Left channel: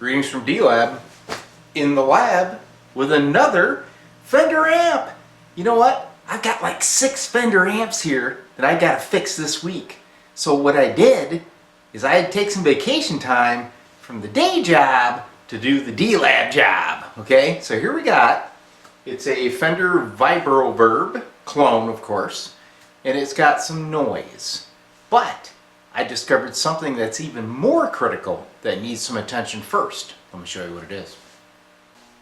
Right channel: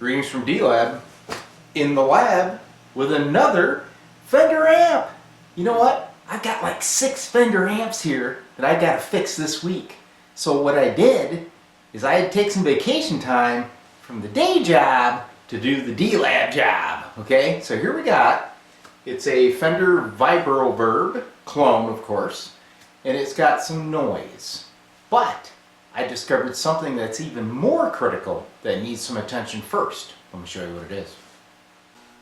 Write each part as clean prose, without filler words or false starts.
Greetings from D-Lab, in the lab with another Fender amp. You know what? I've got like 6 Fender amps here that I gotta fix this week. So what I did is I had to take some vacation time from the day job to do the D-Lab job, okay? So here we got, it's a Fender Vibroverb clone, of course, and it's got some noise. But I discovered something that's even more critical that needs some attention first. Let me show you what it is.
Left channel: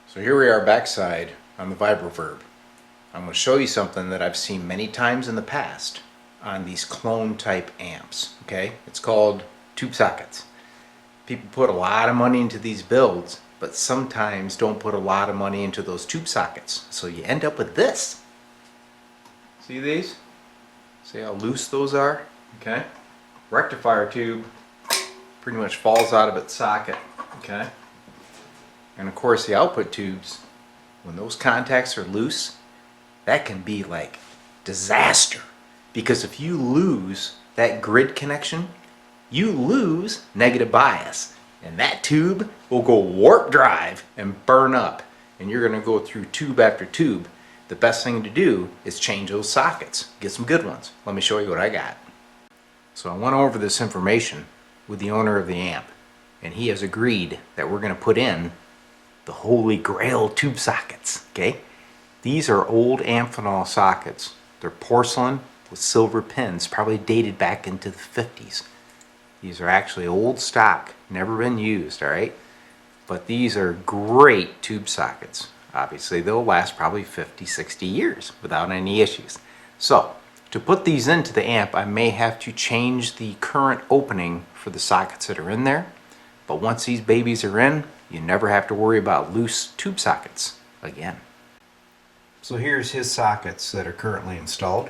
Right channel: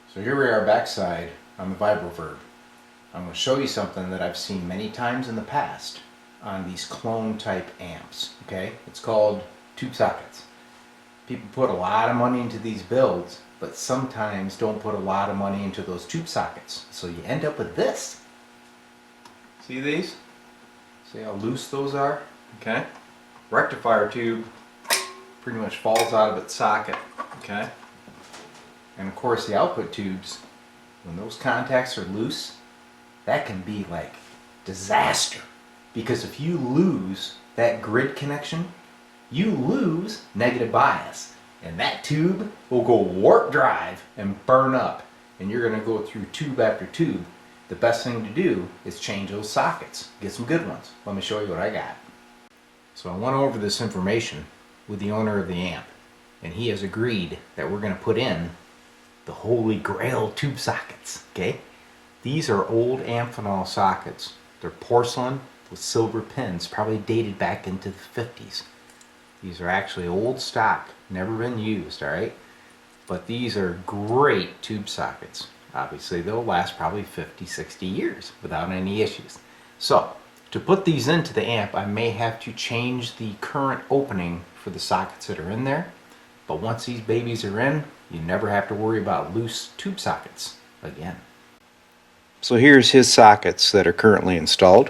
So here we are backside on the Vibroverb. I'm going to show you something that I've seen many times in the past on these clone type amps. Okay, it's called tube sockets. People put a lot of money into these builds, but sometimes don't put a lot of money into those tube sockets. So you end up with this. See these? See how loose those are? Okay. Rectifier tube pretty much falls out of its socket, okay? And of course the output tubes, when those contacts are loose, that can be like disaster, because if you lose that grid connection, you lose negative bias, and that tube will go warp drive and burn up, and you're going to go through tube after tube. The best thing to do is change those sockets, get some good ones. Let me show you what I got. So I went over this information with the owner of the amp, and he has agreed that we're going to put in the holy grail tube sockets, okay? These are old Amphenol sockets. They're porcelain with silver pins, probably dated back into the 50s. These are actually old stock, never been used, all right? But these are great tube sockets. Obviously, they'll last probably 50, 60 years without any issues. So, to put these into the amp, I may have to change the current opening for the sockets that are in there. But once these babies are in, you never have to worry about loose tube sockets again. So here's his sockets that are currently installed.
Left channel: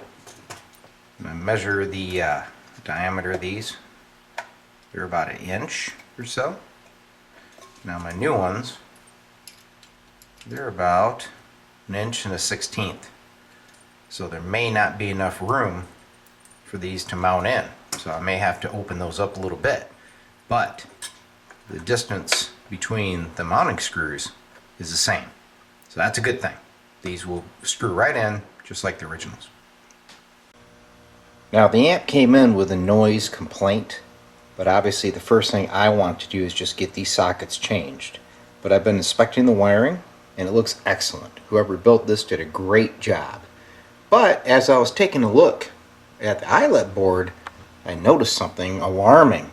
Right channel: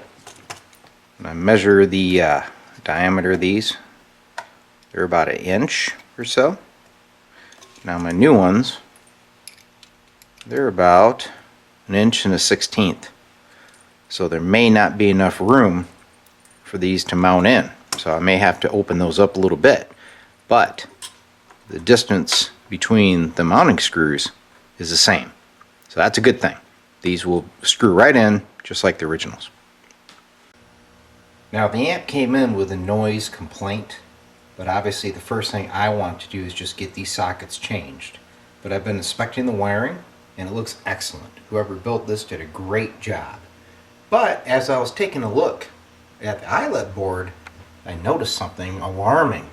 And I measure the diameter of these. They're about 1 inch or so. Now my new ones, they're about 1 1/16 inches. So there may not be enough room for these to mount in. So I may have to open those up a little bit. But the distance between the mounting screws is the same. So that's a good thing. These will screw right in just like the originals. Now the amp came in with a noise complaint, but obviously the first thing I want to do is just get these sockets changed. But I've been inspecting the wiring and it looks excellent. Whoever built this did a great job. But as I was taking a look at the eyelet board, I noticed something alarming.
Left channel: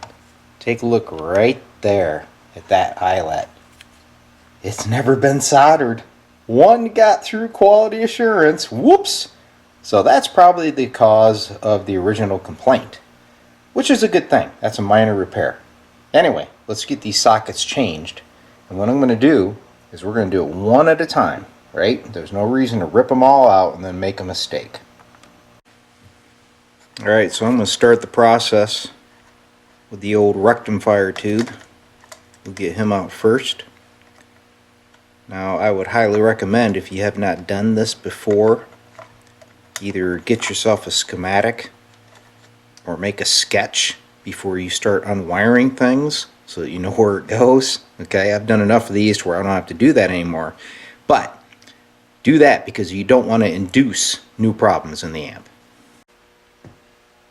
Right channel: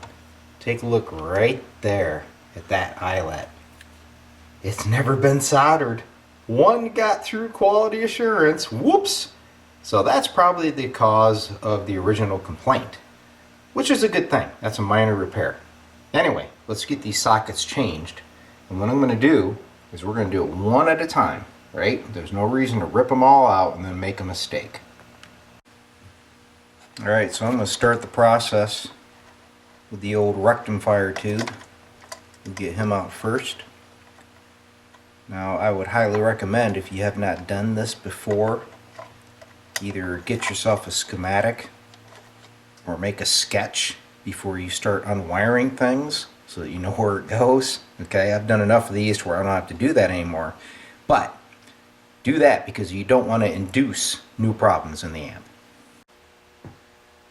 Take a look right there at that eyelet. It's never been soldered. One got through quality assurance. Whoops! So that's probably the cause of the original complaint, which is a good thing. That's a minor repair. Anyway, let's get these sockets changed. And what I'm going to do is we're going to do it one at a time. Right? There's no reason to rip them all out and then make a mistake. Alright, so I'm going to start the process with the old rectifier tube. We'll get him out first. Now I would highly recommend, if you have not done this before, either get yourself a schematic or make a sketch before you start unwiring things so that you know where it goes. Okay, I've done enough of these where I don't have to do that anymore. But do that because you don't want to induce new problems in the amp.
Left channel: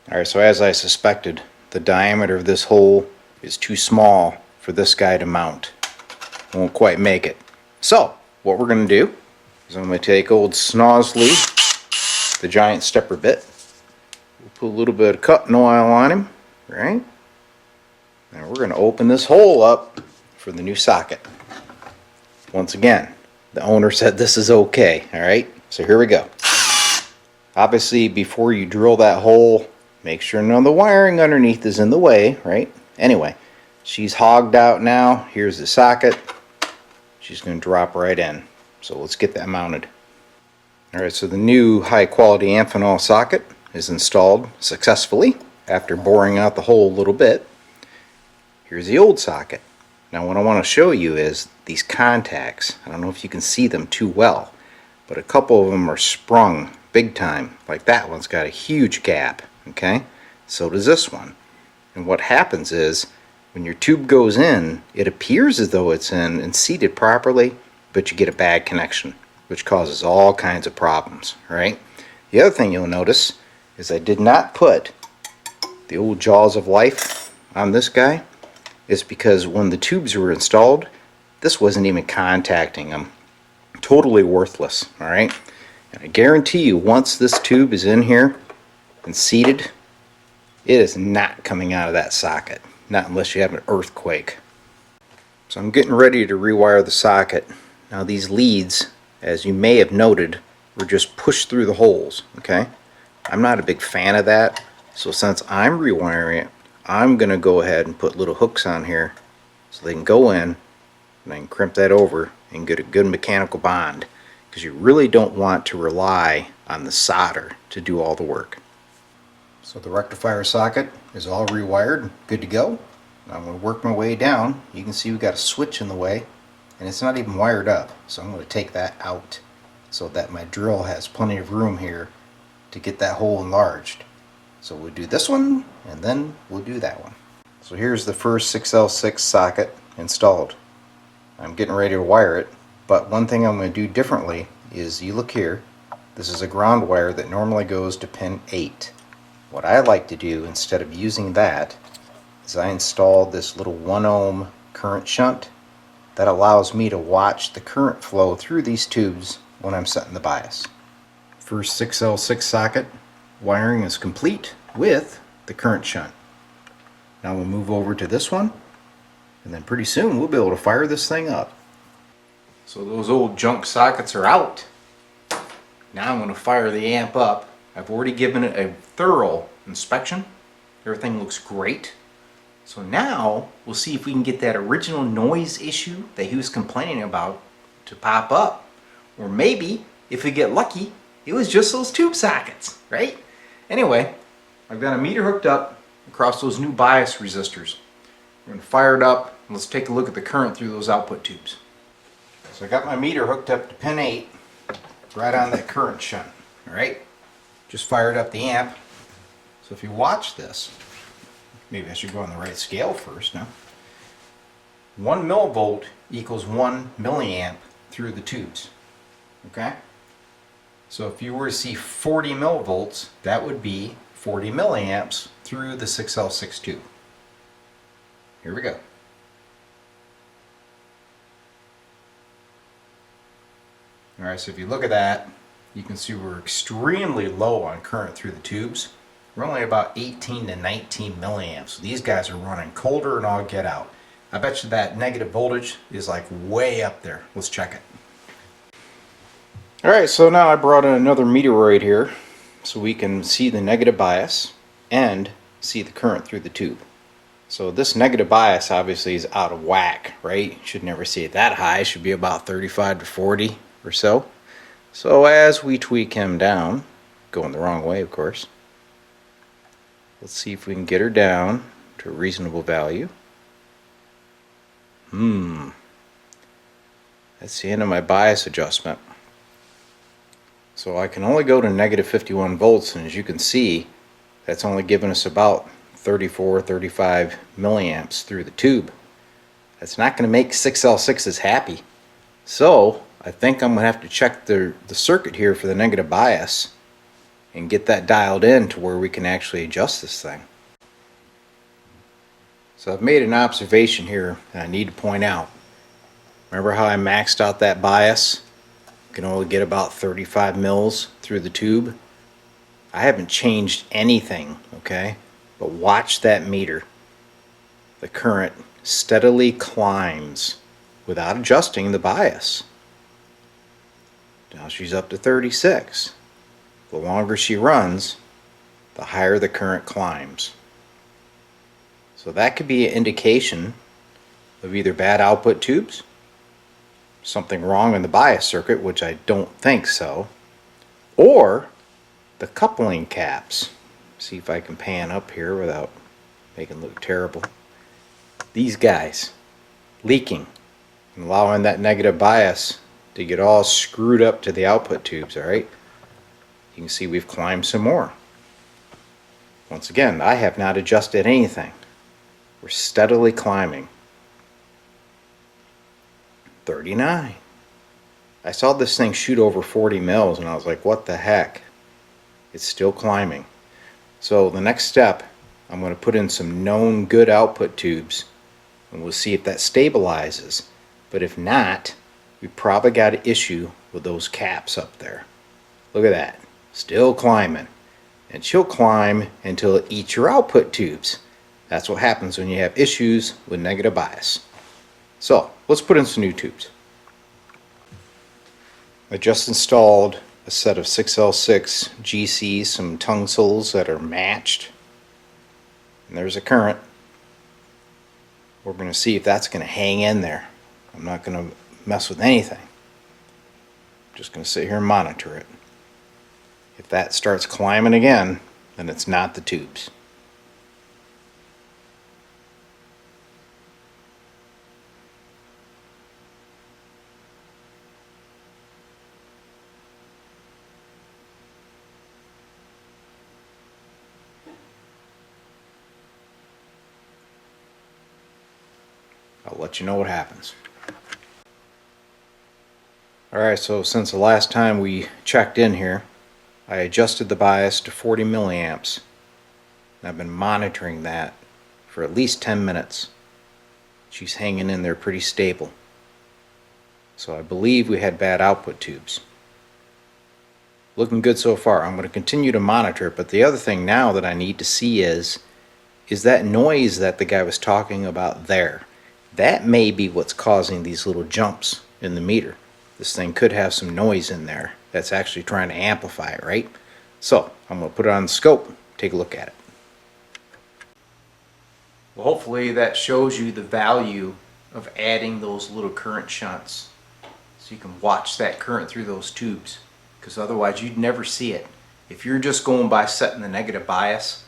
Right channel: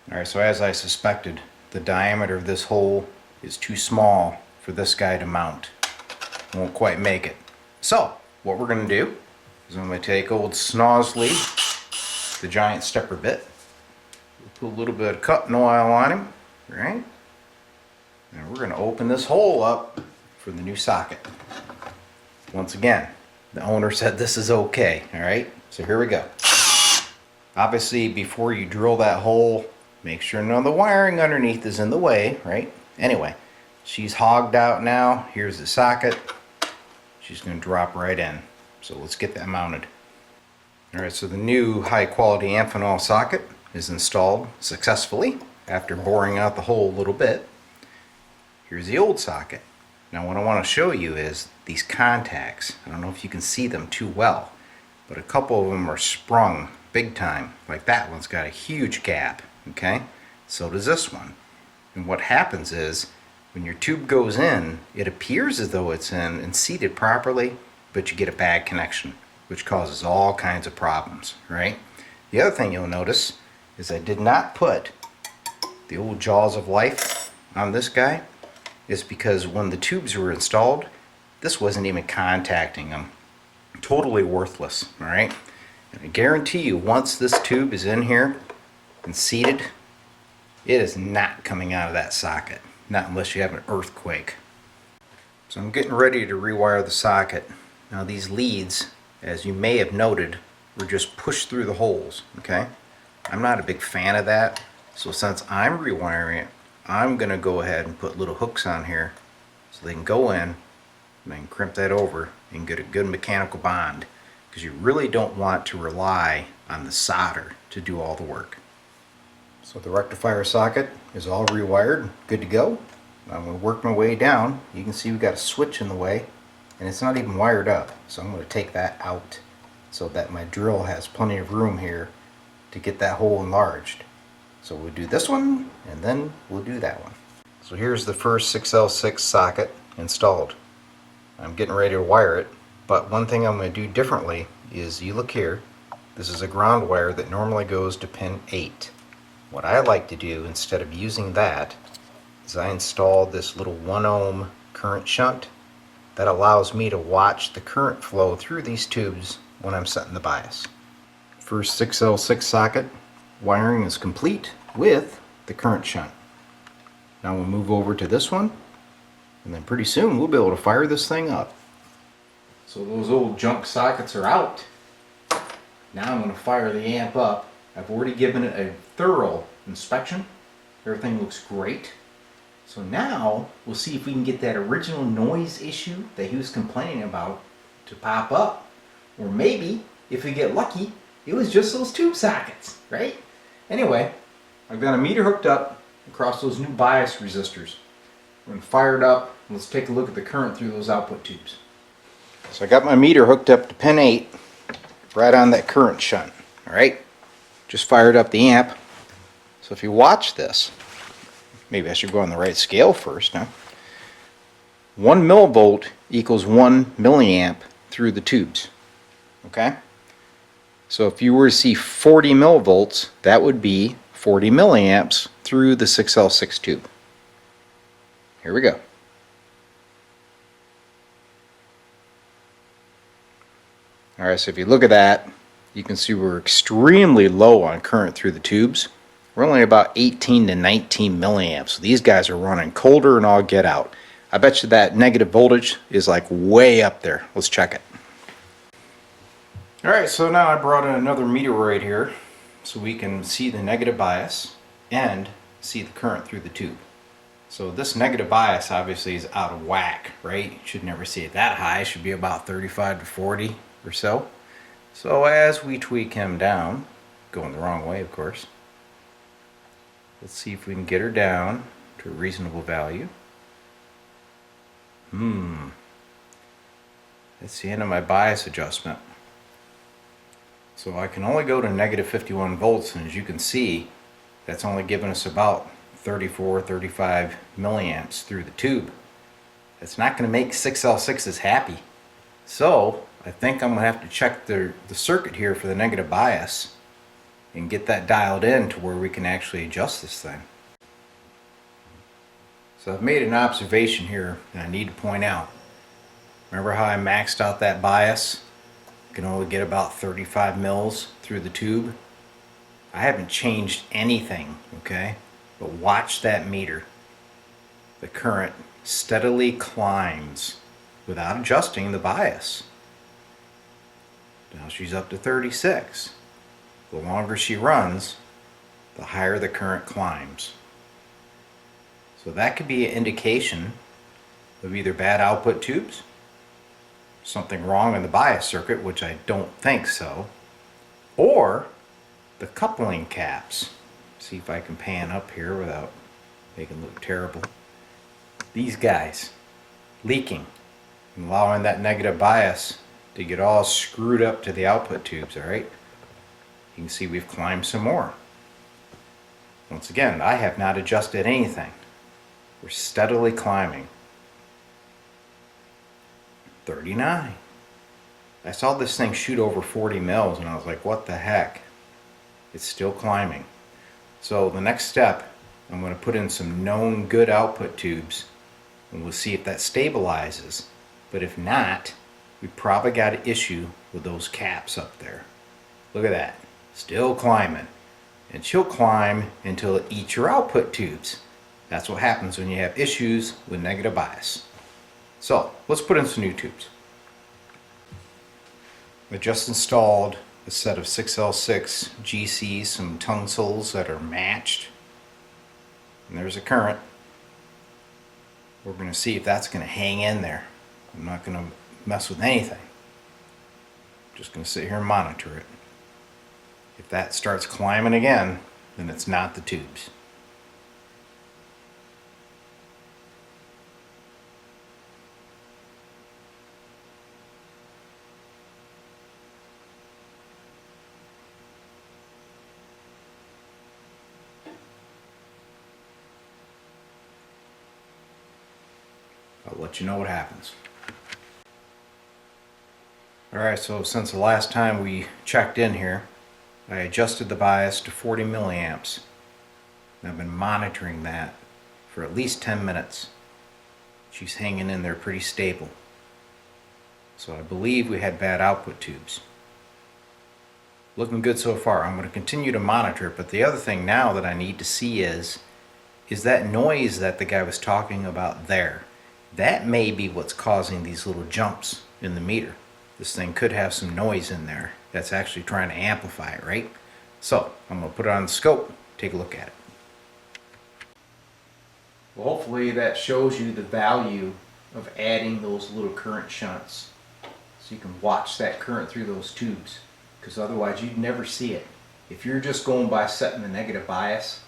Alright, so as I suspected, the diameter of this hole is too small for this guy to mount. Won't quite make it. So, what we're going to do is I'm going to take old Snozzly, the giant stepper bit. We'll put a little bit of cutting oil on him, right? And we're going to open this hole up for the new socket. Once again, the owner said this is okay, alright? So here we go. Obviously, before you drill that hole, make sure none of the wiring underneath is in the way, right? Anyway, she's hogged out now. Here's the socket. She's going to drop right in. So let's get that mounted. Alright, so the new high quality Amphenol socket is installed successfully after boring out the hole a little bit. Here's the old socket. Now what I want to show you is these contacts. I don't know if you can see them too well, but a couple of them are sprung big time. Like that one's got a huge gap, okay? So does this one. And what happens is When your tube goes in, it appears as though it's in and seated properly, but you get a bad connection, which causes all kinds of problems, right? The other thing you'll notice is I did not put the old jaws of life on this guy. It's because when the tubes were installed, this wasn't even contacting them. Totally worthless, alright? And I guarantee you, once this tube is in here and seated, it is not coming out of that socket. Not unless you have an earthquake. So I'm getting ready to rewire the socket. Now these leads, as you may have noted, were just pushed through the holes, okay? I'm not a big fan of that, so since I'm rewiring it, I'm going to go ahead and put little hooks on here so they can go in, and I can crimp that over and get a good mechanical bond, because you really don't want to rely on the solder to do all the work. So the rectifier socket is all rewired, good to go. I'm going to work my way down. You can see we've got a switch in the way, and it's not even wired up, so I'm going to take that out so that my drill has plenty of room here to get that hole enlarged. So we'll do this one, and then we'll do that one. So here's the first 6L6 socket installed. I'm getting ready to wire it, but one thing I'm going to do differently is, you look here, this is a ground wire that normally goes to pin 8. What I like to do, instead of using that, is I installed this little 1 ohm current shunt that allows me to watch the current flow through these tubes when I'm setting the bias. First 6L6 socket wiring is complete with the current shunt. Now we'll move over to this one, and then pretty soon we'll be able to fire this thing up. So those old junk sockets are out. Now I'm going to fire the amp up. I've already given it a thorough inspection. Everything looks great. So now we'll see if we can get that original noise issue that he was complaining about to pop up. Or maybe, if we get lucky, it was just those tube sockets, right? Anyway, I've got a meter hooked up across those new bias resistors. We're going to fire it up, and let's take a look at the current through those output tubes. So I got my meter hooked up to pin 8, right on that current shunt, alright? Just fired up the amp. So if you watch this, maybe I should go on the right scale first, huh? 1 millivolt equals 1 milliamp through the tubes, okay? So if you were to see 40 millivolts, that would be 40 milliamps through the 6L6 tube. Here we go. Alright, so if you look at that, you can see we're extremely low on current through the tubes. We're only about 18 to 19 milliamps. So these guys are running colder and all get out. I bet you that negative voltage is like way up there. Let's check it. Alright, so now I brought in another meteoroid here so we can see the negative bias and see the current through the tube. So this negative bias obviously is out of whack, right? You should never see it that high. It should be about 35 to 40 or so. So as we tweak him down, going the wrong way of course, let's see if we can get her down to a reasonable value. That's the end of my bias adjustment. So I can only go to negative 51 volts, and as you can see, that's only giving us about 34, 35 milliamps through the tube. That's not going to make 6L6s happy. So I think I'm going to have to check the circuit here for the negative bias and get that dialed in to where we can actually adjust this thing. So I've made an observation here that I need to point out. Remember how I maxed out that bias? You can only get about 35 mils through the tube. I haven't changed anything, okay? But watch that meter. The current steadily climbs without adjusting the bias. Now she's up to 36. The longer she runs, the higher the current climbs. So that could be an indication of either bad output tubes, something wrong in the bias circuit, which I don't think so, or the coupling caps. See if I can pan up here without making it look terrible. These guys leaking and allowing that negative bias to get all screwed up to the output tubes, alright? You can see we've climbed some more. Once again, I have not adjusted anything. We're steadily climbing. 39. I saw this thing shoot over 40 mils and I was like, what the heck? It's still climbing. So the next step, I'm going to put in some known good output tubes and we'll see if that stabilizes. But if not, we probably got an issue with those caps up there. Look at that. Still climbing. And she'll climb until it eats your output tubes. That's what happens when you have issues with negative bias. So let's put in some new tubes. I just installed a set of 6L6 GCs, some tungstels that are matched. And there's a current. We're going to see if that's going to hang in there. I'm not going to mess with anything. I'm just going to sit here and monitor it. If that starts climbing again, then it's not the tubes. I'll let you know what happens. Alright, so since the last time we checked in here, I adjusted the bias to 40 milliamps. I've been monitoring that for at least 10 minutes. She's hanging in there pretty stable. So I believe we had bad output tubes. Looking good so far. I'm going to continue to monitor it, but the other thing now that I need to see is that noise that the guy was talking about there. That may be what's causing these little jumps in the meter. This thing could have some noise in there that's actually trying to amplify it, right? So I'm going to put it on the scope, take a look at it. Well, hopefully that shows you the value of adding those little current shunts. So you can watch that current through those tubes, because otherwise you'd never see it. If you're just going by setting the negative bias,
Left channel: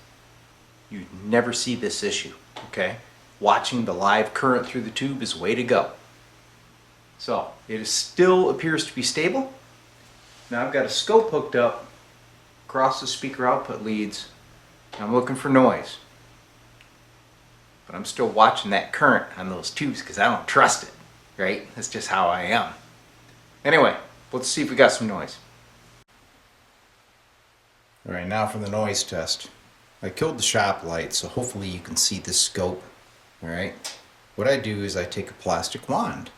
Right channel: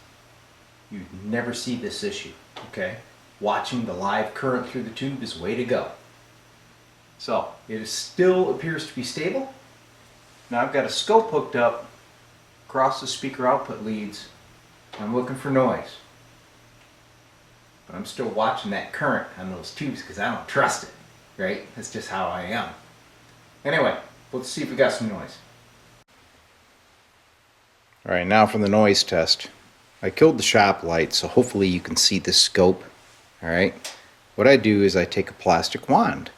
you'd never see this issue, okay? Watching the live current through the tube is the way to go. So it still appears to be stable. Now I've got a scope hooked up across the speaker output leads. I'm looking for noise. But I'm still watching that current on those tubes because I don't trust it, right? That's just how I am. Anyway, let's see if we got some noise. Alright, now for the noise test. I killed the shop light, so hopefully you can see the scope. Alright, what I do is I take a plastic wand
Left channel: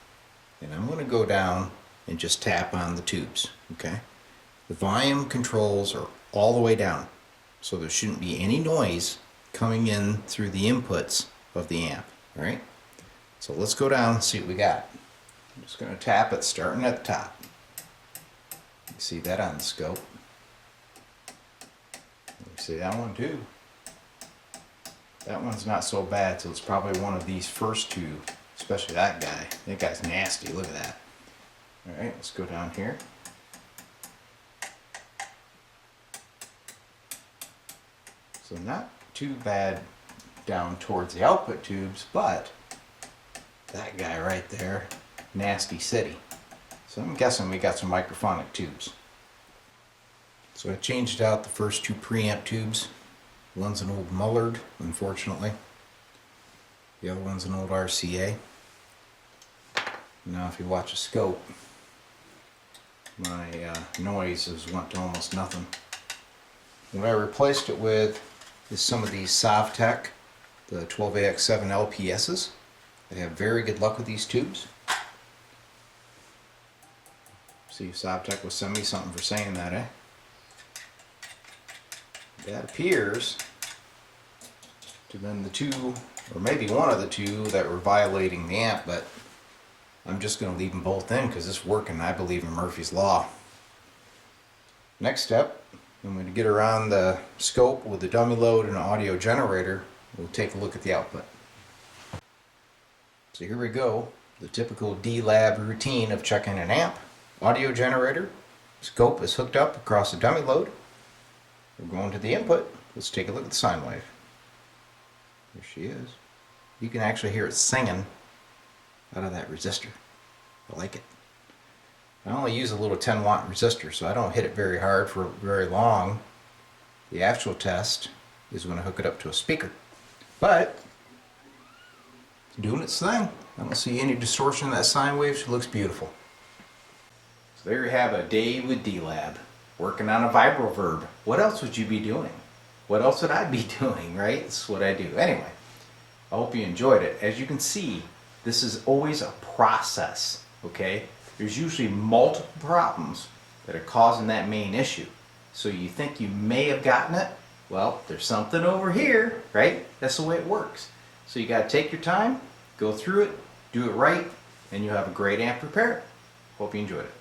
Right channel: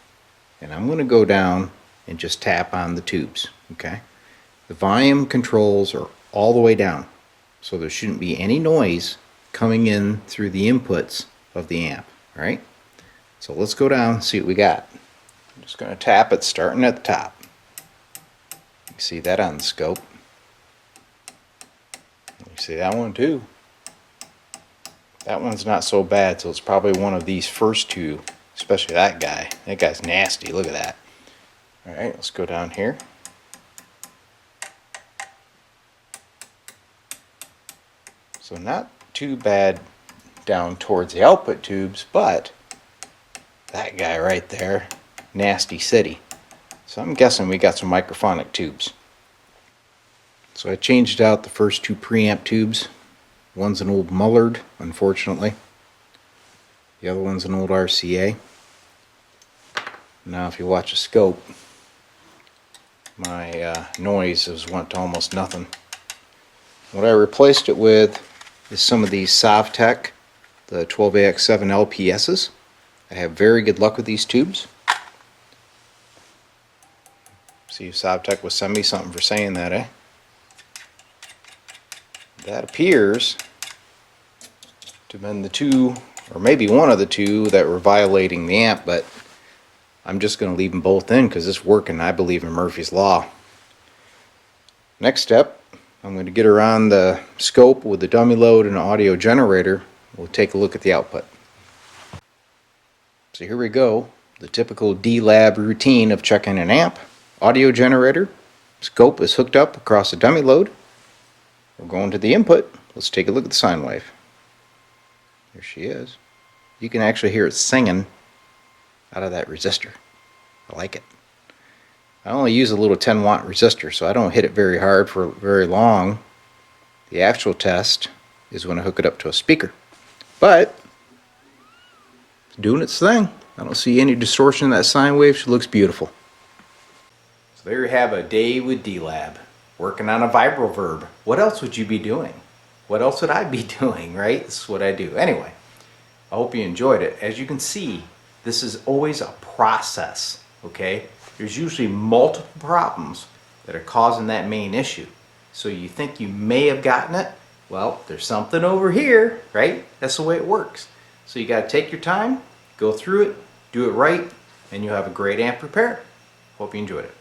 and I'm going to go down and just tap on the tubes. Okay, the volume controls are all the way down, so there shouldn't be any noise coming in through the inputs of the amp. Alright, so let's go down and see what we got. I'm just going to tap it starting at the top. You see that on the scope. You see that one too. That one's not so bad, so it's probably one of these first two, especially that guy. That guy's nasty, look at that. Alright, let's go down here. So not too bad down towards the output tubes, but that guy right there, nasty city. So I'm guessing we got some microphonic tubes. So I changed out the first two preamp tubes. One's an old Mullard, unfortunately. The other one's an old RCA. Now if you watch the scope, my noise has went to almost nothing. What I replaced it with is some of these Sovtech, the 12AX7 LPSs. I have very good luck with these tubes. See if Sovtech will send me something for saying that, eh? That appears to have been the two, or maybe one of the two, that were violating the amp, but I'm just going to leave them both in because it's working. I believe in Murphy's Law. Next step, I'm going to get her on the scope with the dummy load and an audio generator. We'll take a look at the output. So here we go, the typical D-Lab routine of checking an amp. Audio generator, scope is hooked up across the dummy load. We're going to the input. Let's take a look at the sine wave. There she is. You can actually hear it singing out of that resistor. I like it. I only use a little 10 watt resistor, so I don't hit it very hard for very long. The actual test is when I hook it up to a speaker. But doing its thing. I don't see any distortion in that sine wave. She looks beautiful. So there you have a day with D-Lab, working on a Vibroverb. What else would you be doing? What else would I be doing, right? This is what I do. Anyway, I hope you enjoyed it. As you can see, this is always a process, okay? There's usually multiple problems that are causing that main issue. So you think you may have gotten it? Well, there's something over here, right? That's the way it works. So you got to take your time, go through it, do it right, and you'll have a great amp prepared. Hope you enjoyed it.